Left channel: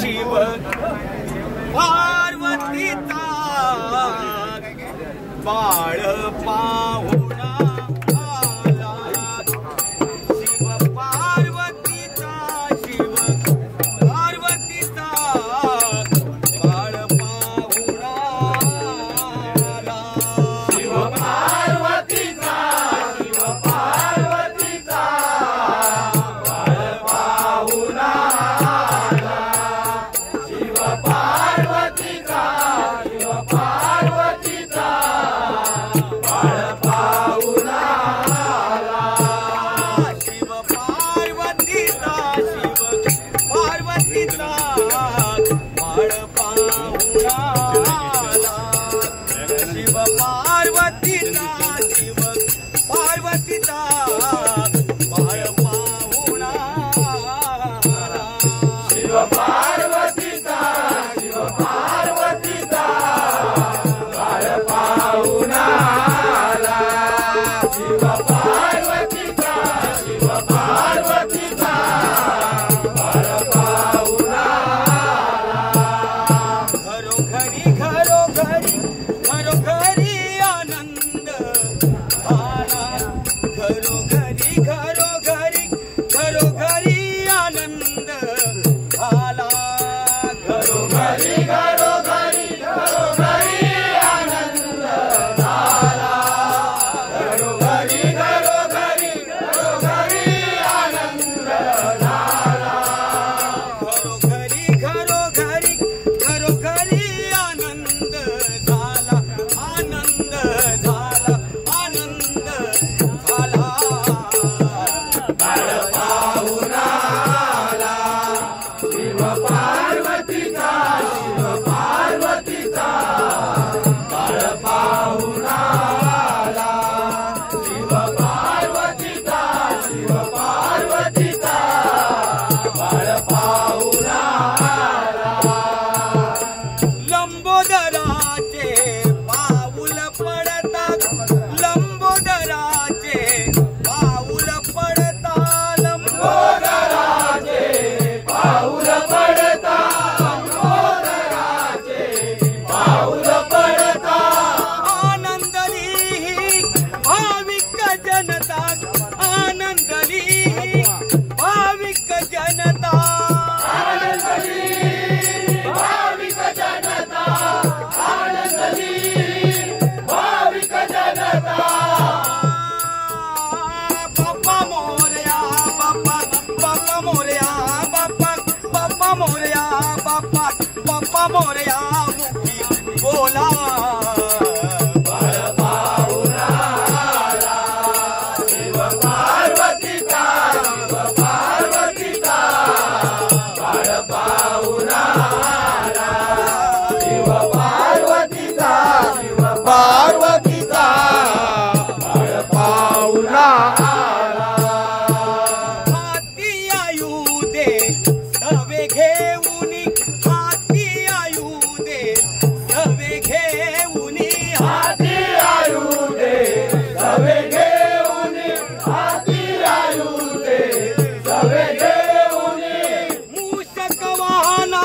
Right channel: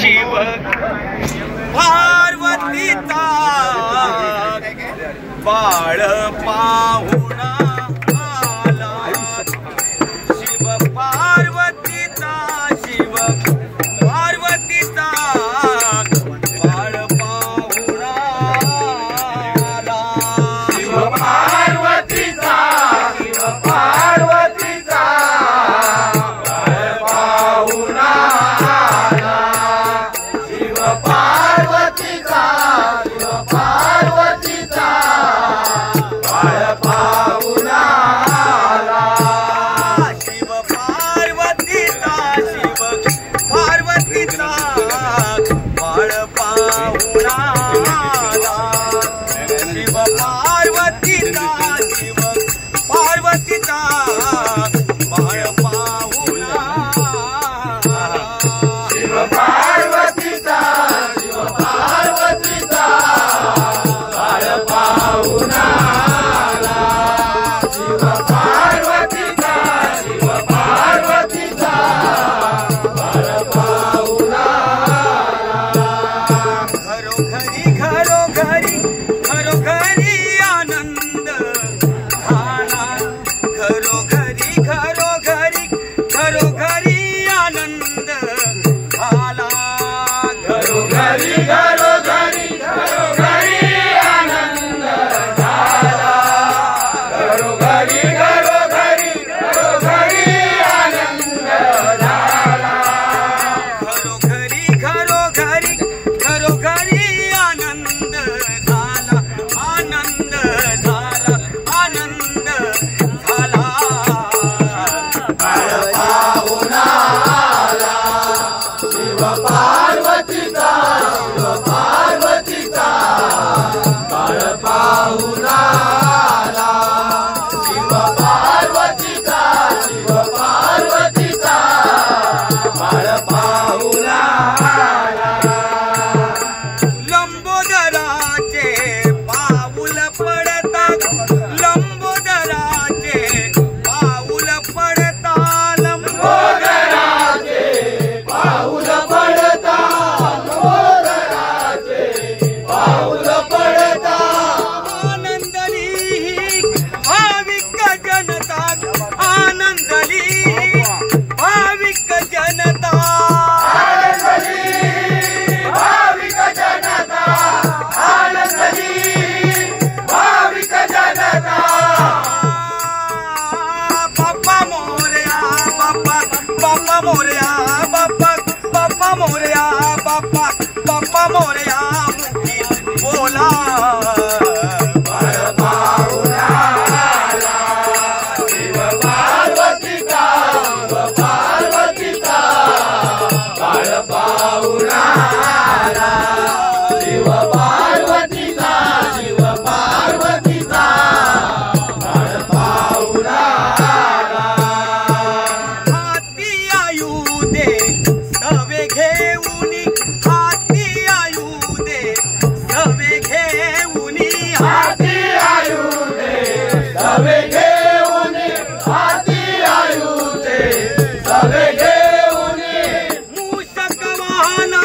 शिव पार्वतीचा बाळ पाहुणा आला, शिव पार्वतीचा, शिव पार्वतीचा बाळ पाहुणा आला, शिव पार्वतीचा, शिव पार्वतीचा बाळ पाहुणा आला, शिव पार्वतीचा, शिव पार्वतीचा बाळ पाहुणा आला, शिव पार्वतीचा, शिव पार्वतीचा बाळ पाहुणा आला, शिव पार्वतीचा, शिव पार्वतीचा बाळ पाहुणा आला, शिव पार्वतीचा, शिव पार्वतीचा बाळ पाहुणा आला, शिव पार्वतीचा, शिव पार्वतीचा बाळ पाहुणा आला, घरोघरी घरोघरी घरोघरी आनंद झाला, घरोघरी घरोघरी घरोघरी आनंद झाला, घरोघरी घरोघरी घरोघरी आनंद झाला, घरोघरी घरोघरी घरोघरी आनंद झाला, घरोघरी घरोघरी घरोघरी आनंद झाला, आनंद झाला, आनंद झाला, बाळ पाहुणा आला, शिव पार्वतीचा, शिव पार्वतीचा बाळ पाहुणा आला, शिव पार्वतीचा, शिव पार्वतीचा बाळ पाहुणा आला, लंबोदराचे पाऊल पडतात, लंबोदराचे पाऊल पडतात, लंबोदराचे पाऊल पडतात, लंबोदराचे पाऊल पडतात, आनंदली भाविक जनता, आनंदली भाविक जनता, आनंदली भाविक जनता, आनंदली भाविक जनता, बाप्पा मोरया, बाप्पा बाप्पा मोरया, बाप्पा बाप्पा मोरया, बाप्पा बाप्पा मोरया, मुक्ती बोला, बाळ पाहुणा आला, शिव पार्वतीचा, शिव पार्वतीचा बाळ पाहुणा आला, शिव पार्वतीचा, शिव पार्वतीचा बाळ पाहुणा आला, हाती आयु दे सवे घेऊनी, हाती आयु दे सवे घेऊनी, हाती आयु दे सवे घेऊनी, हाती आयु दे सवे घेऊनी, मूषक वाहना